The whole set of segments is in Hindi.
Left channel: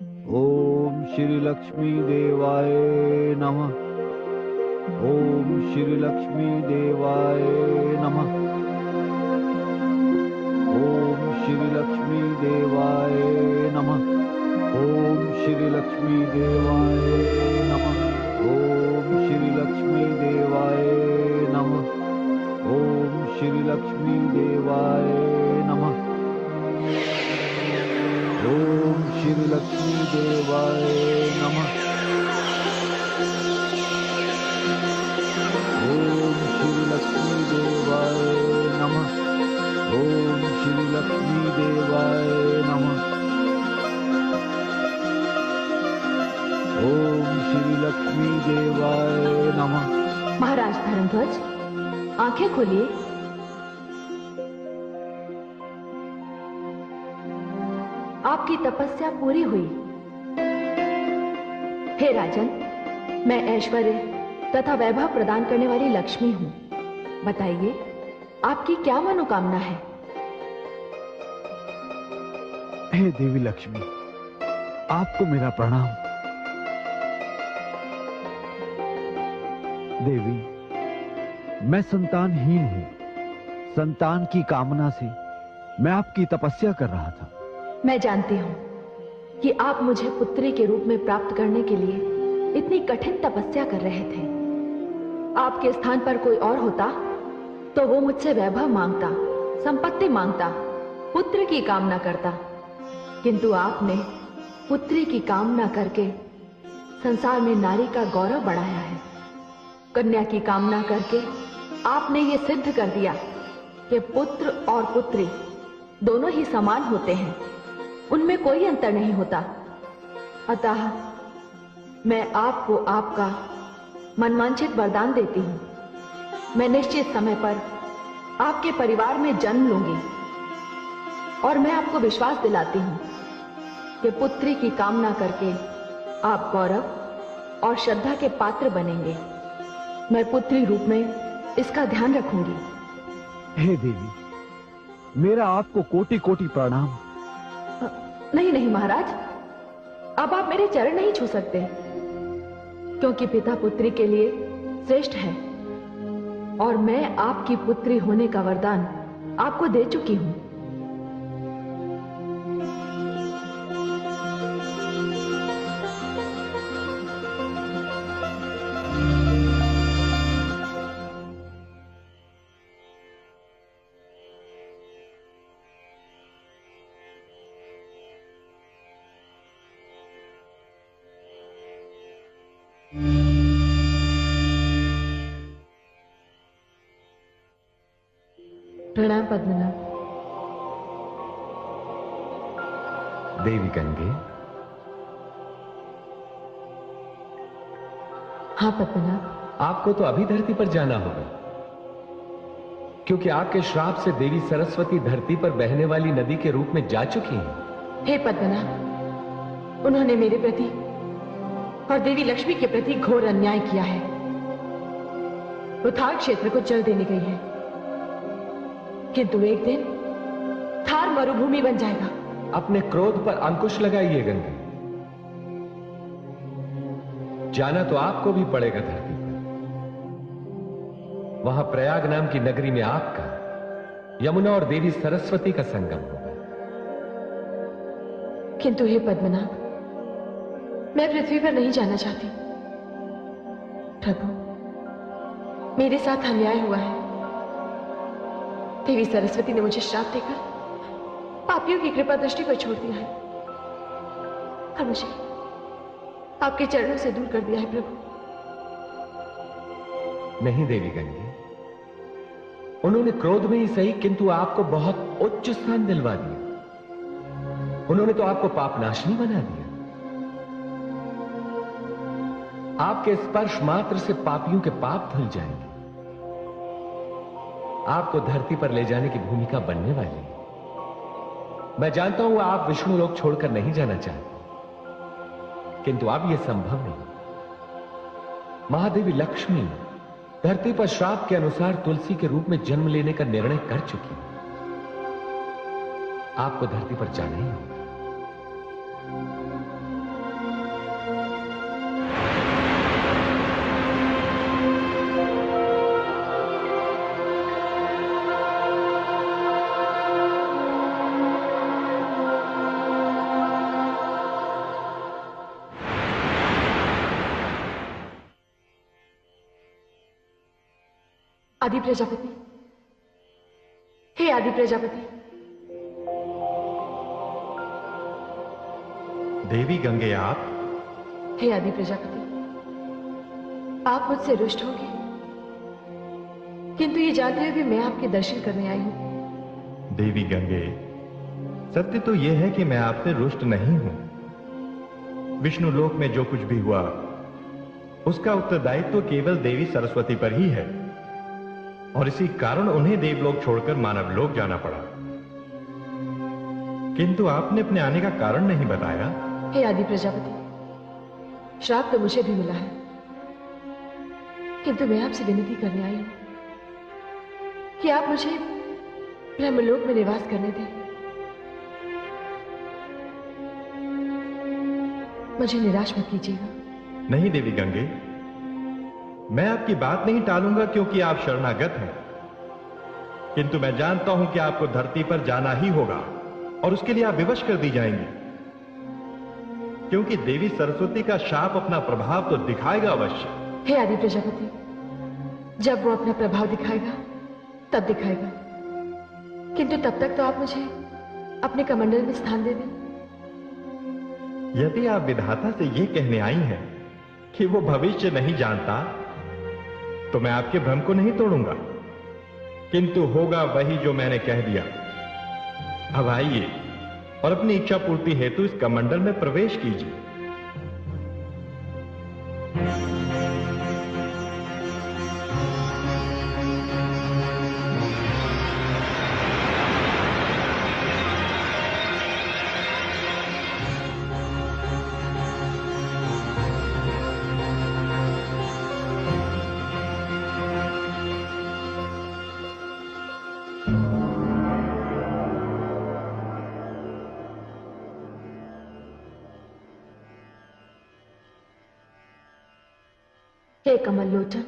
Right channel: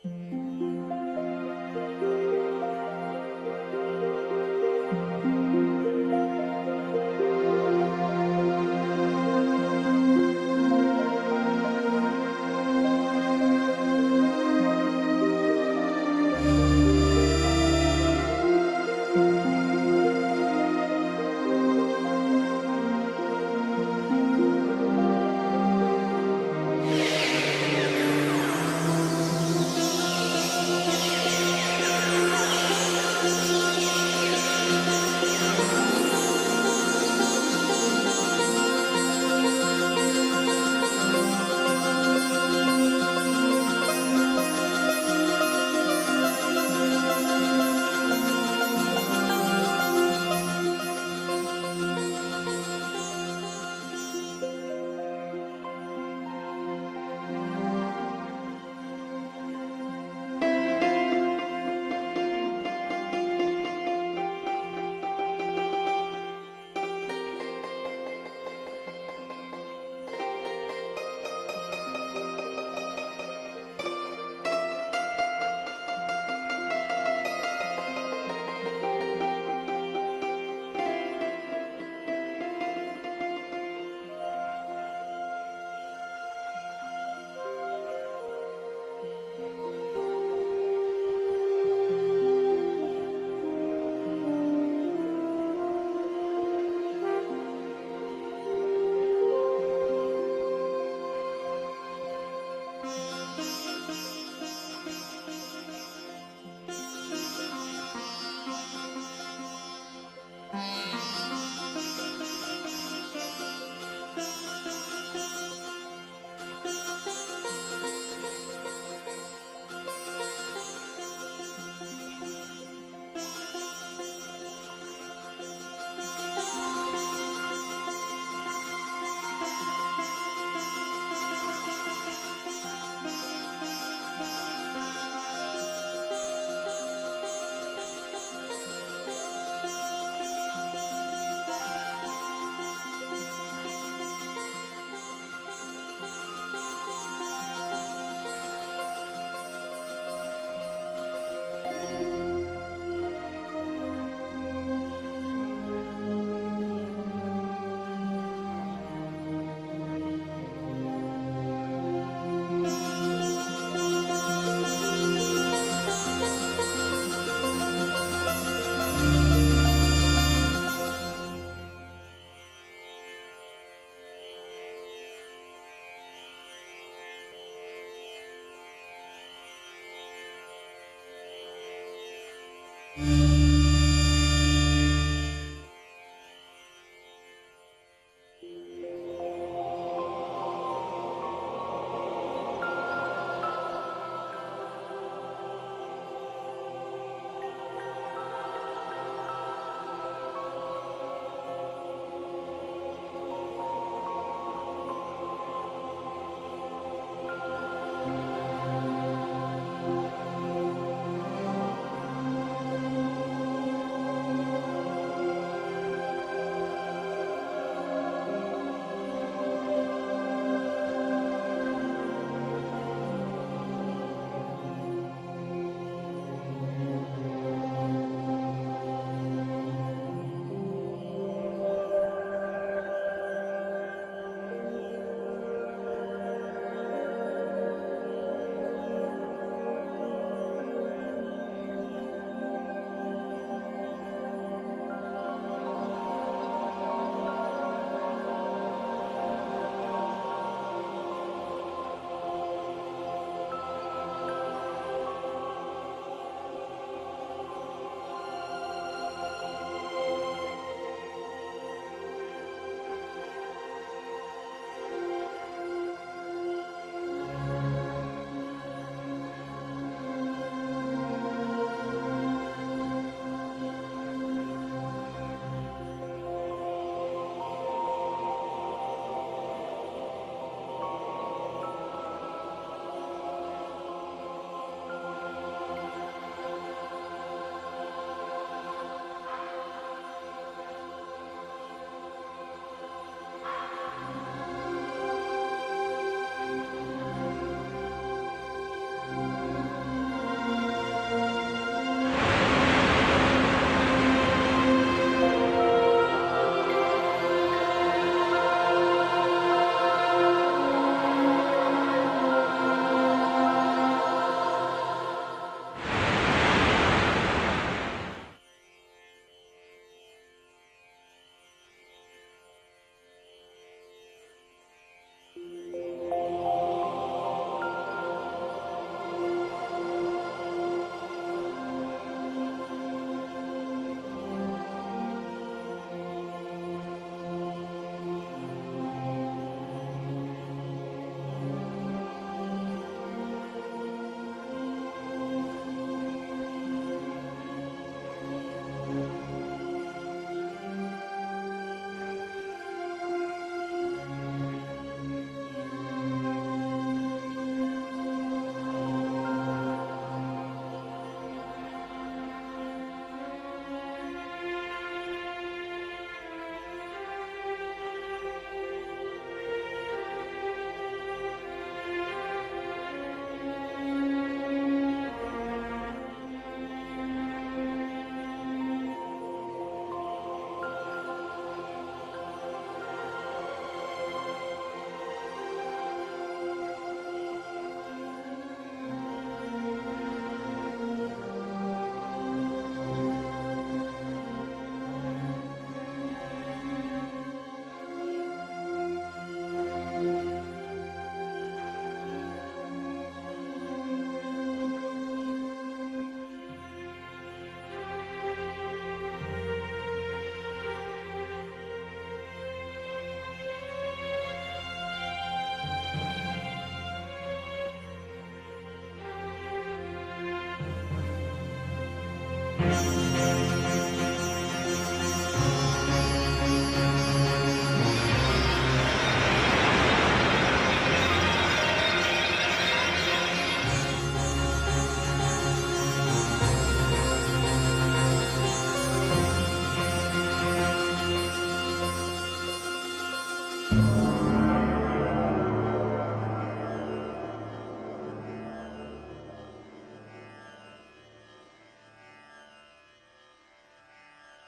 ओम श्री लक्ष्मी देवाय नमः। ओम श्री लक्ष्मी देवाय नमः। ओम श्री लक्ष्मी देवाय नमः। ओम श्री लक्ष्मी देवाय नमः। ओम श्री लक्ष्मी देवाय नमः। ओम श्री लक्ष्मी देवाय नमः। ओम श्री लक्ष्मी देवाय नमः। ओम श्री लक्ष्मी देवाय नमः। ओम श्री लक्ष्मी देवाय नमः। ओम श्री लक्ष्मी देवाय नमः। महाराज धर्मध्वज, आंखें खोलिए। आपकी तपस्या पूरी हुई। हे राजन, मैं ऐश्वर्य तथा वैभव प्रदान करने वाली लक्ष्मी हूं। बताइए, आपकी क्या मनोकामना है? हे देवी लक्ष्मी, आपको मेरा प्रणाम। देवी, मैं संतानहीन हूं। संतान की कामना से मैं आपकी तपस्या कर रहा था। मैं जानती हूं कि आप मुझे पुत्री के रूप में प्राप्त करने के लिए इतनी कठिन तपस्या कर रहे थे। आपके स्थान पर कोई और होता तो वो मुझसे वैभव मांगता, संपत्ति मांगता, पुत्र की कामना करता। किंतु आपने पुत्री की कामना करके संसार में नारी का गौरव बढ़ाया है। कन्या की कामना करके आपने ये सिद्ध कर दिया कि पुत्र और पुत्री दोनों ही समान होते हैं, उनमें कोई अंतर नहीं होता। अतः मैं आपको आपका मनवांछित वरदान देती हूं। मैं निश्चित समय पर आपके परिवार में जन्म लूंगी और मैं आपको विश्वास दिलाती हूं कि पुत्री की कामना करके आप गौरव और श्रद्धा के पात्र बनेंगे। मैं पुत्री रूप में इसका ध्यान रखूंगी। हे देवी, मेरा आपको कोटि कोटि प्रणाम। नहीं नहीं महाराज, अब आप मेरे चरण नहीं छू सकते, क्योंकि पिता पुत्री के लिए श्रेष्ठ है और मैं आपकी पुत्री होने का वरदान आपको दे चुकी हूं। प्रणाम पद्मनाभ। देवी गंगे। हाँ पद्मनाभ। आपको तो अभी धरती पर जाना होगा, क्योंकि आपके श्राप से देवी सरस्वती धरती पर बहने वाली नदी के रूप में जा चुकी हैं। हे पद्मनाभ, उन्होंने मेरे प्रति और देवी लक्ष्मी के प्रति घोर अन्याय किया है। वो थार क्षेत्र को जल देने गई है, किंतु एक दिन थार मरुभूमि बन जाएगा। अपने क्रोध पर अंकुश लगाइए गंगे। जाना तो आपको भी पड़ेगा धरती पर। वहां प्रयाग नाम की नगरी में आपका यमुना और देवी सरस्वती का संगम होगा। किंतु हे पद्मनाभ, मैं पृथ्वी पर नहीं जाना चाहती। प्रभु, मेरे साथ अन्याय हुआ है। देवी सरस्वती ने मुझे श्राप देकर पापियों की कृपा दृष्टि पर छोड़ दिया है और मुझे आपके चरणों से दूर कर दिया है प्रभु। नहीं देवी गंगे, उन्होंने क्रोध में ही सही, किंतु आपको बहुत उच्च स्थान दिलवा दिया। उन्होंने तो आपको पापनाशनी बना दिया। आपके स्पर्श मात्र से पापियों के पाप धुल जाएंगे। आपको धरती पर ले जाने की भूमिका बनने वाली है। मैं जानता हूं आप विष्णु लोक छोड़कर नहीं जाना चाहते, किंतु अब यह संभव नहीं। महादेवी लक्ष्मी धरती पर श्राप के अनुसार तुलसी के रूप में जन्म लेने का निर्णय कर चुकी है। आपको धरती पर जाना ही आदि प्रजापति, हे आदि प्रजापति। देवी गंगे आप? हे आदि प्रजापति, आप मुझसे रुष्ट होंगे, किंतु ये जानते हुए भी मैं आपके दर्शन करने आई हूं। देवी गंगे, सत्य तो यह है कि मैं आपसे रुष्ट नहीं हूं। विष्णु लोक में जो कुछ भी हुआ उसका उत्तरदायित्व तो केवल देवी सरस्वती पर ही है, और इसी कारण उन्हें देवलोक छोड़कर मानव लोक जाना पड़ा। किंतु आपने अपने आने का कारण नहीं बताया। हे आदि प्रजापति, श्राप तो मुझे भी मिला है, किंतु मैं आपसे विनती करने आई हूं कि आप मुझे ब्रह्मलोक में निवास करने दें। मुझे निराश मत कीजिएगा। नहीं देवी गंगे, मैं आपकी बात नहीं टालूंगा क्योंकि आप शरणागत हैं, किंतु मैं जानता हूं कि आपको धरती पर जाना ही होगा और उसके लिए आप विवश कर दी जाएंगी, क्योंकि देवी सरस्वती का शाप अपना प्रभाव तो दिखाएगा अवश्य। हे आदि प्रजापति, जब वो अपना प्रभाव दिखाएगा तब दिखाएगा, किंतु तब तक तो आप मुझे अपने कमंडल में स्थान दे दें। यदि आप विधाता से यह कहने आई हैं कि वो भविष्य नहीं जानता, तो मैं आपके भ्रम को नहीं तोड़ूंगा, किंतु होगा वही जो मैंने कह दिया। अब आइए और अपनी इच्छा पूर्ति हेतु इस कमंडल में प्रवेश कीजिए। हे कमल लोचन,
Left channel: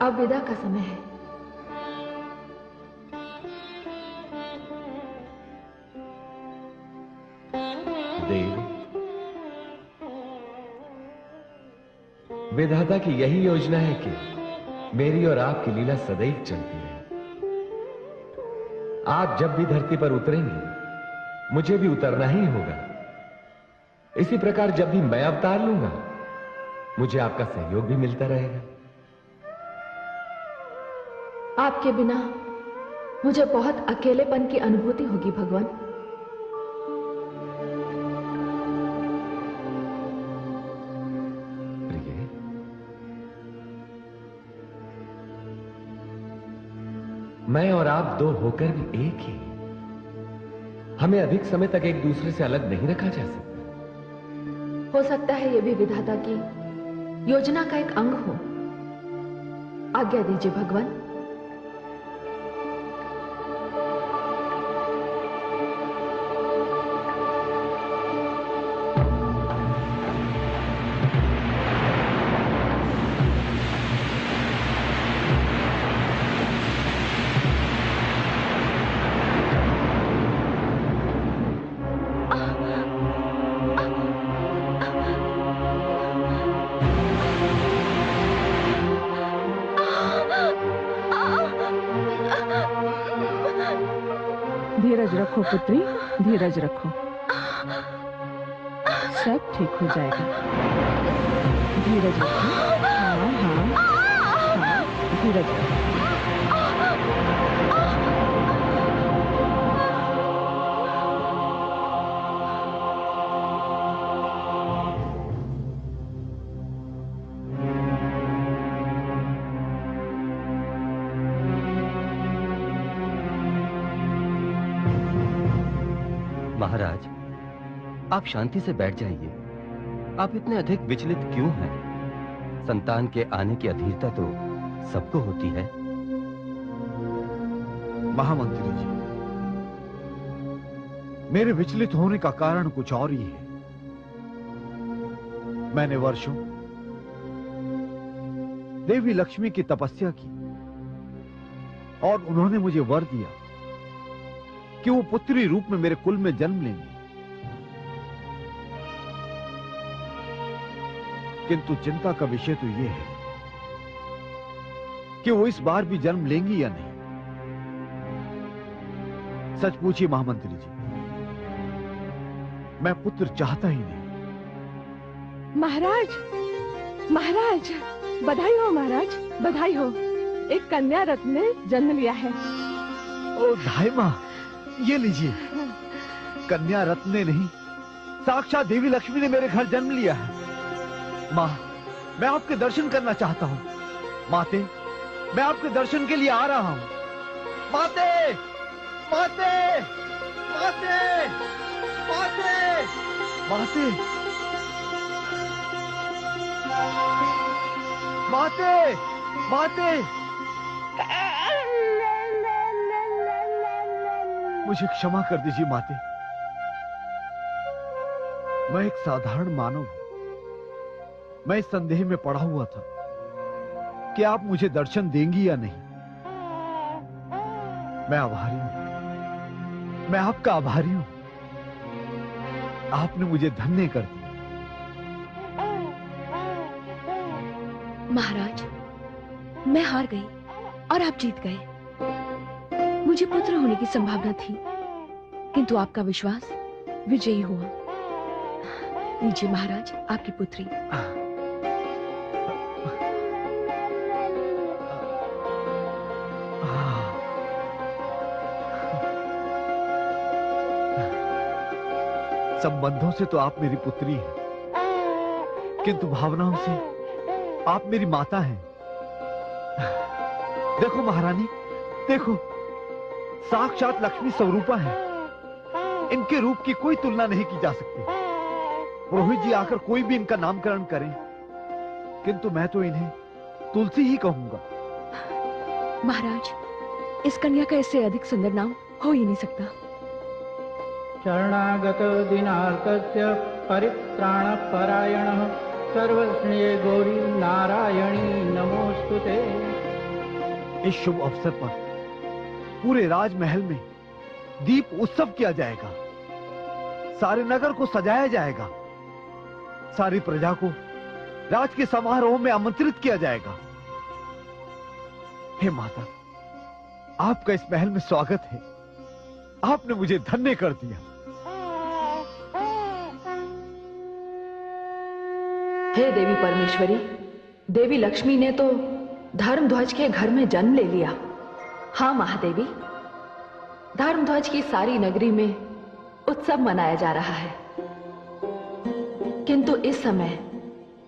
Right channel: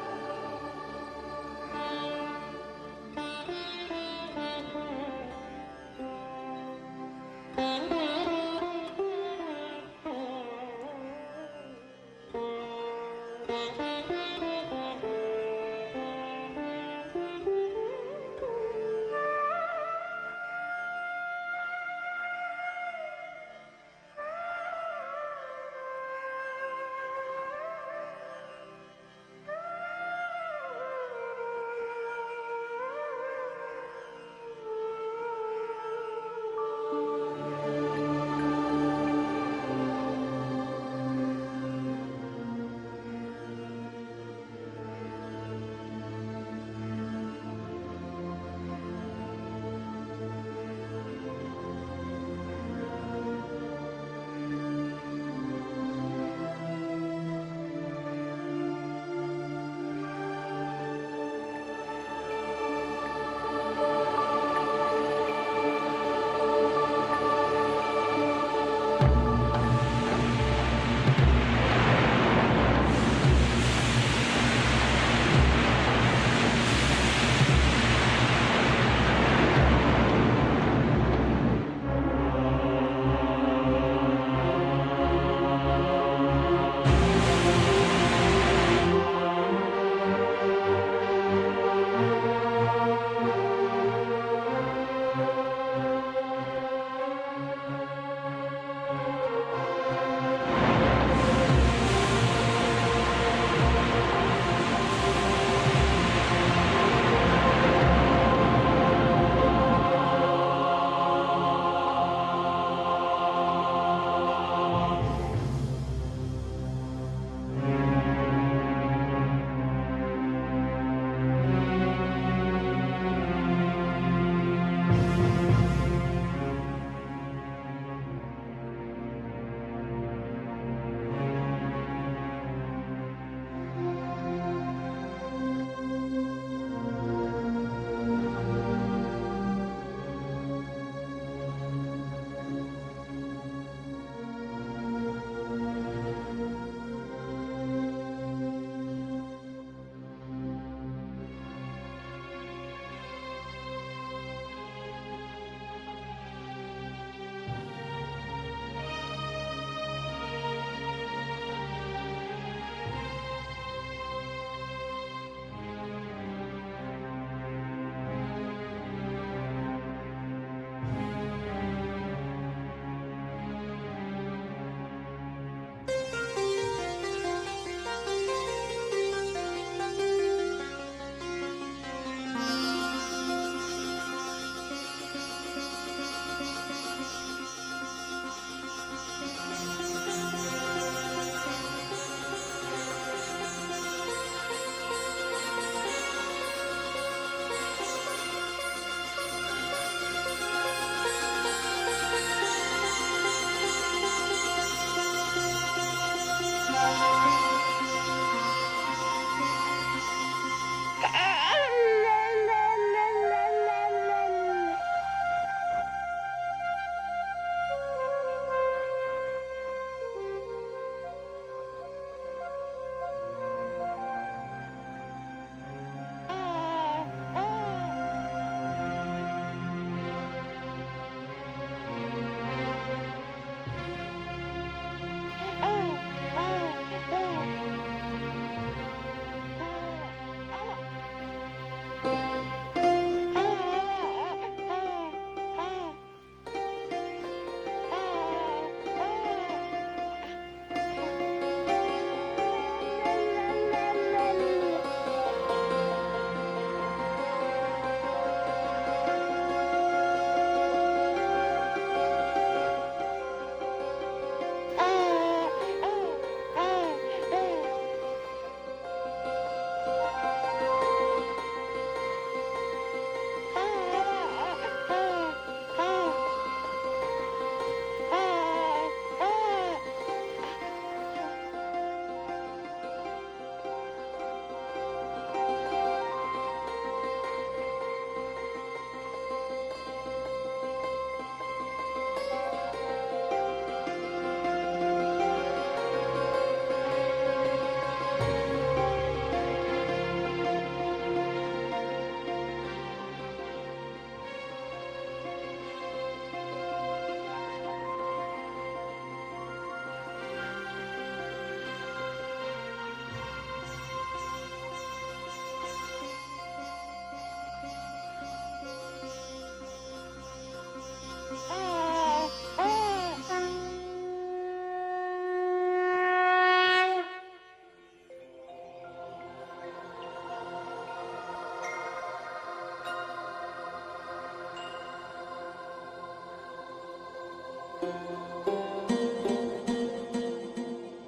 अब विदा का समय है। देव, विधाता की यही योजना है कि मेरी और आपकी लीला सदैव चलती है। आप जब भी धरती पर उतरेंगे मुझे भी उतरना ही होगा। इसी प्रकार जब भी मैं अवतार लूंगा मुझे आपका सहयोग भी मिलता रहेगा। आपके बिना मुझे बहुत अकेलेपन की अनुभूति होगी भगवान। मैं और आप दो होकर भी एक ही, हमें अधिक समय तक एक दूसरे से अलग नहीं रखा जा सकता। हो सकता है यह भी विधाता की योजना का एक अंग हो। आज्ञा दीजिए भगवान। पुत्री, धीरज रखो, सब ठीक हो जाएगा। धीरज रखो, धीरज रखो। महाराज, आप शांति से बैठ जाइए। आप इतने अधिक विचलित क्यों हैं? संतान के आने की अधीरता तो सबको होती है। महामंत्री जी, मेरे विचलित होने का कारण कुछ और ही है। मैंने वर्षों देवी लक्ष्मी की तपस्या की और उन्होंने मुझे वर दिया कि वो पुत्री रूप में मेरे कुल में जन्म लेंगे, किंतु चिंता का विषय तो यह है कि वो इस बार भी जन्म लेंगी या नहीं। सच पूछिए महामंत्री जी, मैं पुत्र चाहता ही नहीं। महाराज, महाराज, बधाई हो महाराज, बधाई हो। एक कन्या रत्न ने जन्म लिया है। ओ धाई माँ, ये लीजिए। कन्या रत्न ने नहीं, साक्षात देवी लक्ष्मी ने मेरे घर जन्म लिया है। माँ, मैं आपके दर्शन करना चाहता हूँ। माते, मैं आपके दर्शन के लिए आ रहा हूँ। माते, माते, माते, माते, माते, माते, माते। मुझे क्षमा कर दीजिए माते। मैं एक साधारण मानव हूं। मैं इस संदेह में पड़ा हुआ था कि आप मुझे दर्शन देंगी या नहीं। मैं आभारी हूं, मैं आपका आभारी हूं। आपने मुझे धन्य कर दिया। महाराज, मैं हार गई और आप जीत गए। मुझे पुत्र होने की संभावना थी, किंतु आपका विश्वास विजयी हुआ। लीजिए महाराज, आपकी पुत्री। संबंधों से तो आप मेरी पुत्री हैं, किंतु भावनाओं से आप मेरी माता हैं। देखो महारानी, देखो, साक्षात लक्ष्मी स्वरूपा है। इनके रूप की कोई तुलना नहीं की जा सकती। पुरोहित जी आकर कोई भी इनका नामकरण करें, किंतु मैं तो इन्हें तुलसी ही कहूंगा। महाराज, इस कन्या का इससे अधिक सुंदर नाम हो ही नहीं सकता। शरणागत दिनार्कस्य परित्राणपरायणः सर्वस्मे गौरी नारायणी नमोस्तुते। इस शुभ अवसर पर पूरे राजमहल में दीप उत्सव किया जाएगा। सारे नगर को सजाया जाएगा। सारी प्रजा को राज के समारोह में आमंत्रित किया जाएगा। हे माता, आपका इस महल में स्वागत है। आपने मुझे धन्य कर दिया। हे देवी परमेश्वरी, देवी लक्ष्मी ने तो धर्मध्वज के घर में जन्म ले लिया। हाँ महादेवी, धर्मध्वज की सारी नगरी में उत्सव मनाया जा रहा है, किंतु इस समय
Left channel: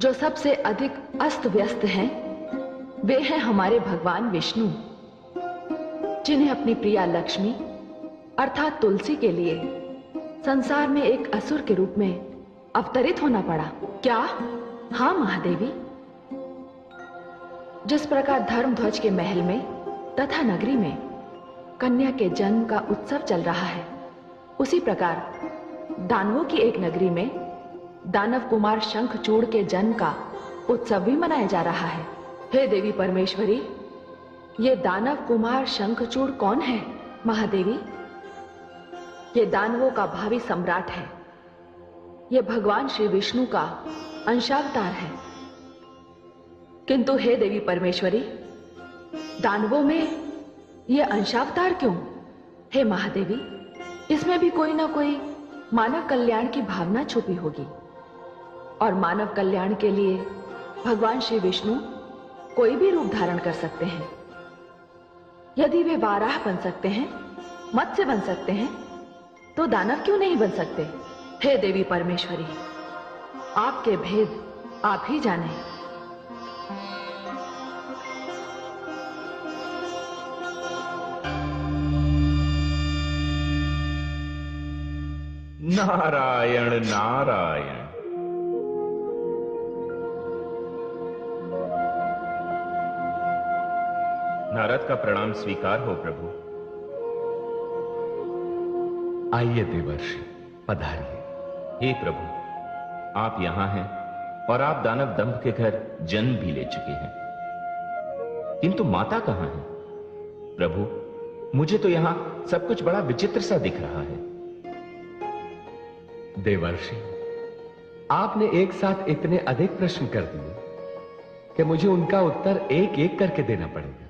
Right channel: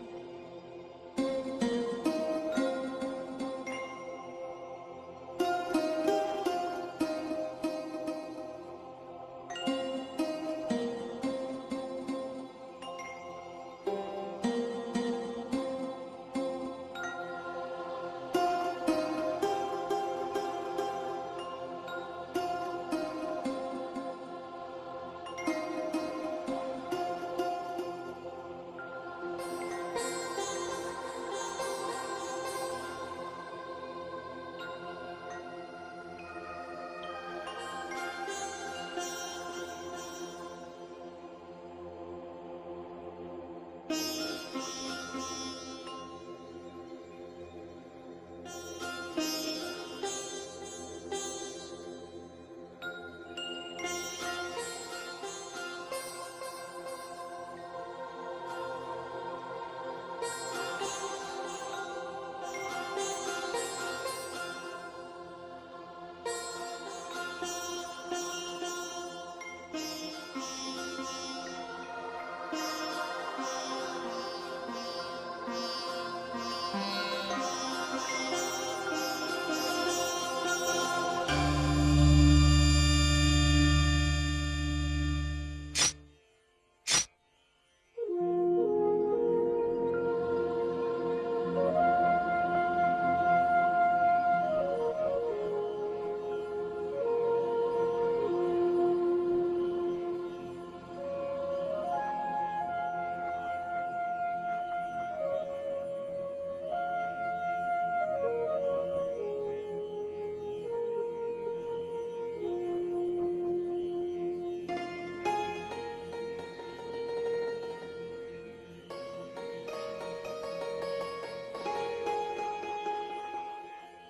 जो सबसे अधिक अस्त व्यस्त हैं, वे हैं हमारे भगवान विष्णु, जिन्हें अपनी प्रिया लक्ष्मी अर्थात तुलसी के लिए संसार में एक असुर के रूप में अवतरित होना पड़ा। क्या? हाँ महादेवी, जिस प्रकार धर्मध्वज के महल में तथा नगरी में कन्या के जन्म का उत्सव चल रहा है, उसी प्रकार दानवों की एक नगरी में दानव कुमार शंखचूड़ के जन्म का उत्सव भी मनाया जा रहा है। हे देवी परमेश्वरी, ये दानव कुमार शंखचूड़ कौन है? महादेवी, ये दानवों का भावी सम्राट है। ये भगवान श्री विष्णु का अंशावतार है। किंतु हे देवी परमेश्वरी, दानवों में ये अंशावतार क्यों? हे महादेवी, इसमें भी कोई ना कोई मानव कल्याण की भावना छुपी होगी, और मानव कल्याण के लिए भगवान श्री विष्णु कोई भी रूप धारण कर सकते हैं। यदि वे वाराह बन सकते हैं, मत्स्य बन सकते हैं, तो दानव क्यों नहीं बन सकते? हे देवी परमेश्वरी, आपके भेद आप ही जाने। नारायण नारायण। नारद का प्रणाम स्वीकार हो प्रभु। आइए देवर्षि, पधारिए। हे प्रभु, आप यहां हैं और आप दानव दंभ के घर जन्म भी ले चुके हैं, किंतु माता कहां है? प्रभु, मुझे तो यहां सब कुछ बड़ा विचित्र सा दिख रहा है। देवर्षि, आपने एक साथ इतने अधिक प्रश्न कर दिए कि मुझे उनका उत्तर एक एक करके देना पड़ेगा।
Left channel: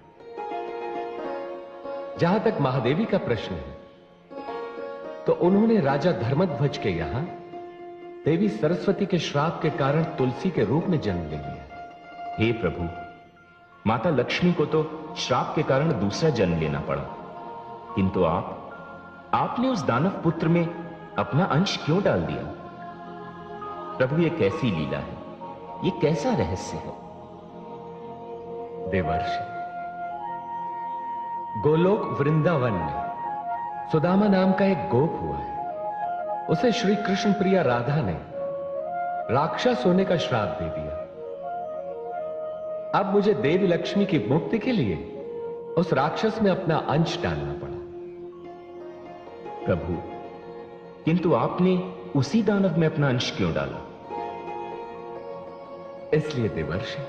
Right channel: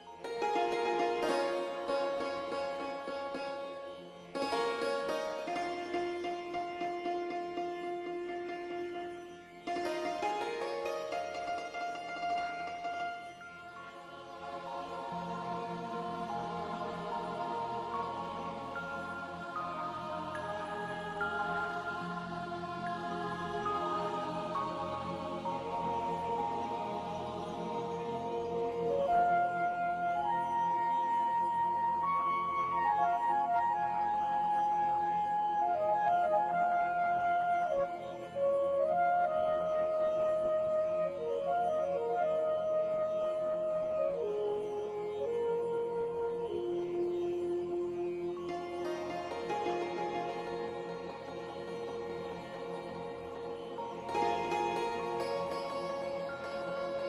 जहां तक महादेवी का प्रश्न है, तो उन्होंने राजा धर्मध्वज के यहां देवी सरस्वती के श्राप के कारण तुलसी के रूप में जन्म लिया। हे प्रभु, माता लक्ष्मी को तो श्राप के कारण दूसरा जन्म लेना पड़ा, किंतु आपने उस दानव पुत्र में अपना अंश क्यों डाल दिया? प्रभु, ये कैसी लीला है? ये कैसा रहस्य है? देवर्षि, गोलोक वृंदावन में सुदामा नाम का एक गोप हुआ है। उसे श्री कृष्ण प्रिया राधा ने राक्षस होने का श्राप दे दिया। अब मुझे देवी लक्ष्मी की मुक्ति के लिए उस राक्षस में अपना अंश डालना पड़ा। प्रभु, किंतु आपने उसी दानव में अपना अंश क्यों डाला? इसलिए देवर्षि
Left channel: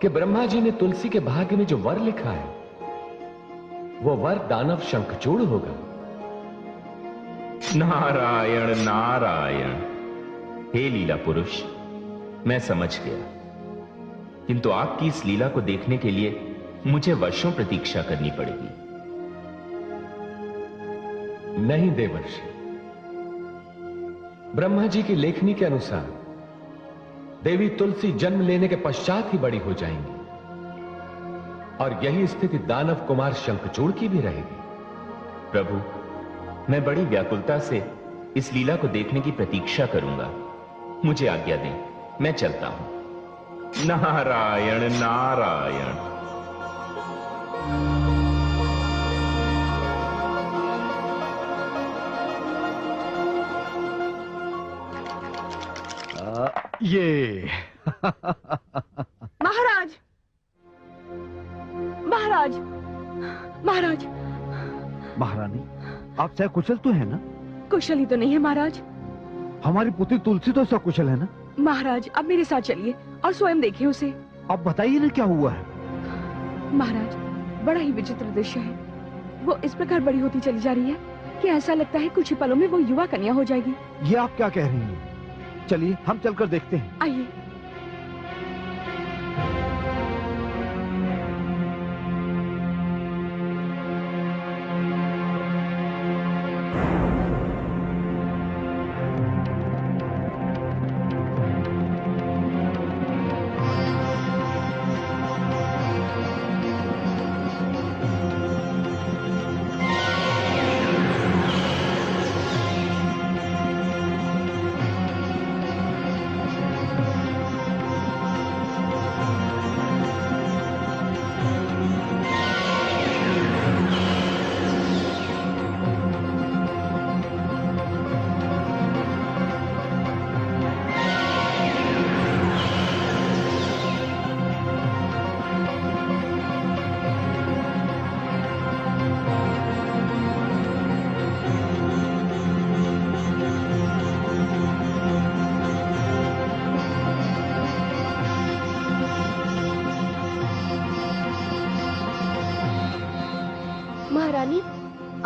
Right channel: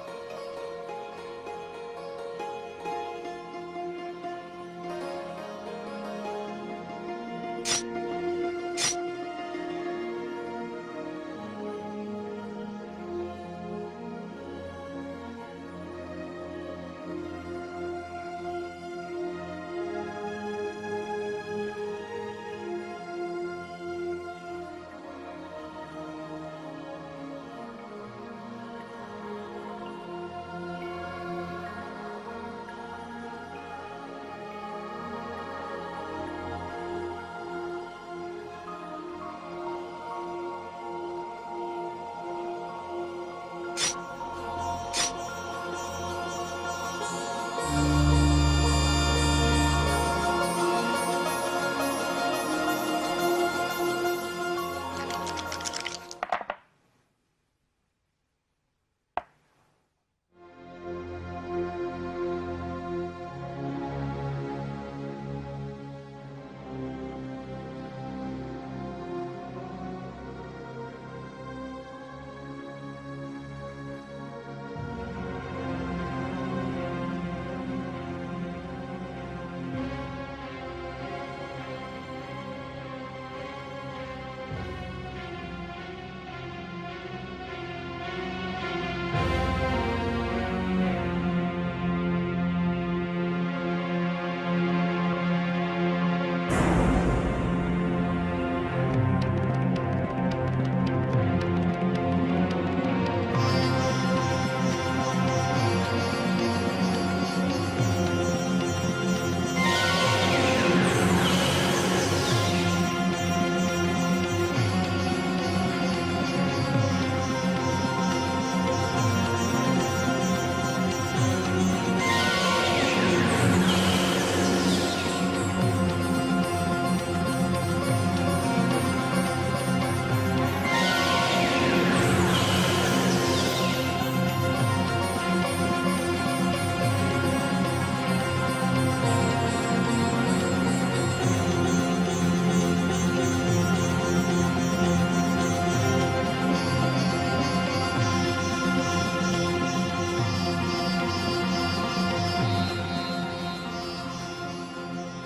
कि ब्रह्मा जी ने तुलसी के भाग्य में जो वर लिखा है, वो वर दानव शंखचूड़ होगा। नारायण नारायण। हे लीला पुरुष, मैं समझ गया, किंतु आपकी इस लीला को देखने के लिए मुझे वर्षों प्रतीक्षा करनी पड़ेगी। नहीं देवर्षि, ब्रह्मा जी की लेखनी के अनुसार देवी तुलसी जन्म लेने के पश्चात ही बड़ी हो जाएंगी, और यही स्थिति दानव कुमार शंखचूड़ की भी रहेगी। प्रभु, मैं बड़ी व्याकुलता से इस लीला को देखने की प्रतीक्षा करूंगा। मुझे आज्ञा दें, मैं चलता हूं। नारायण नारायण। ये महाराज, महाराज, महाराज। महारानी, आप चाहे कुशल तो है ना? कुशल ही तो नहीं है महाराज। हमारी पुत्री तुलसी तो सकुशल है ना? महाराज, अब मेरे साथ चलिए और स्वयं देखिए उसे। अब बताइए ना क्या हुआ है। महाराज, बड़ा ही विचित्र दृश्य है। वो इस प्रकार बड़ी होती चली जा रही है कि ऐसा लगता है कुछ ही पलों में वो युवा कन्या हो जाएगी। ये आप क्या कह रही हैं? चलिए हम चलकर देखते हैं। आइए।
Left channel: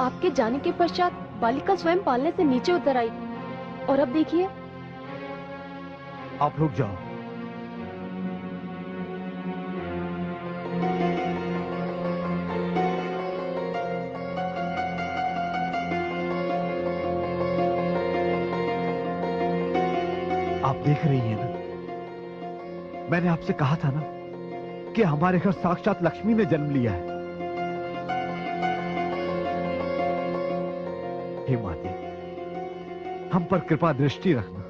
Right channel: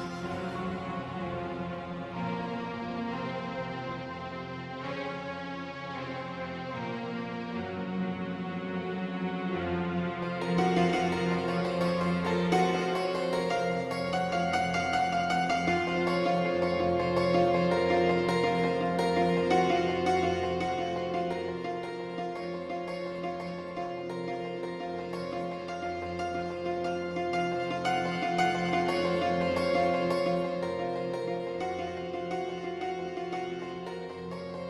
आपके जाने के पश्चात बालिका स्वयं पालने से नीचे उतर आई, और अब देखिए। आप रुक जाओ। आप देख रही हैं ना, मैंने आपसे कहा था ना कि हमारे घर साक्षात लक्ष्मी ने जन्म लिया है। हे माते, हम पर कृपा दृष्टि रखना।